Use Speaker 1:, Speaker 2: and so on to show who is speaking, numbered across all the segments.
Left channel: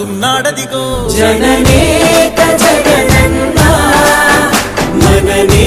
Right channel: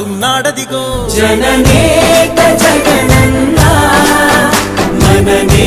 Speaker 1: వస్తున్నాడదిగో
Speaker 2: జననేత జగనన్నా మననే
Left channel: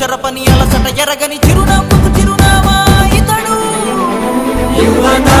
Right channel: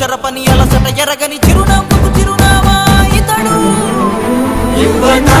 Speaker 3: చెరపని అలసట ఎరగని చిరునవ్వుకు చిరునామా ఇతడు.
Speaker 2: యువతా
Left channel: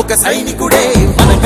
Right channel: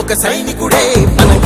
Speaker 1: ఒక సైనికుడే మనమే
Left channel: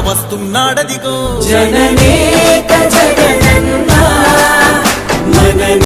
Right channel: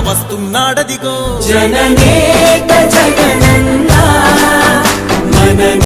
Speaker 1: వస్తున్నాడదిగో జగనేత
Speaker 2: జగన్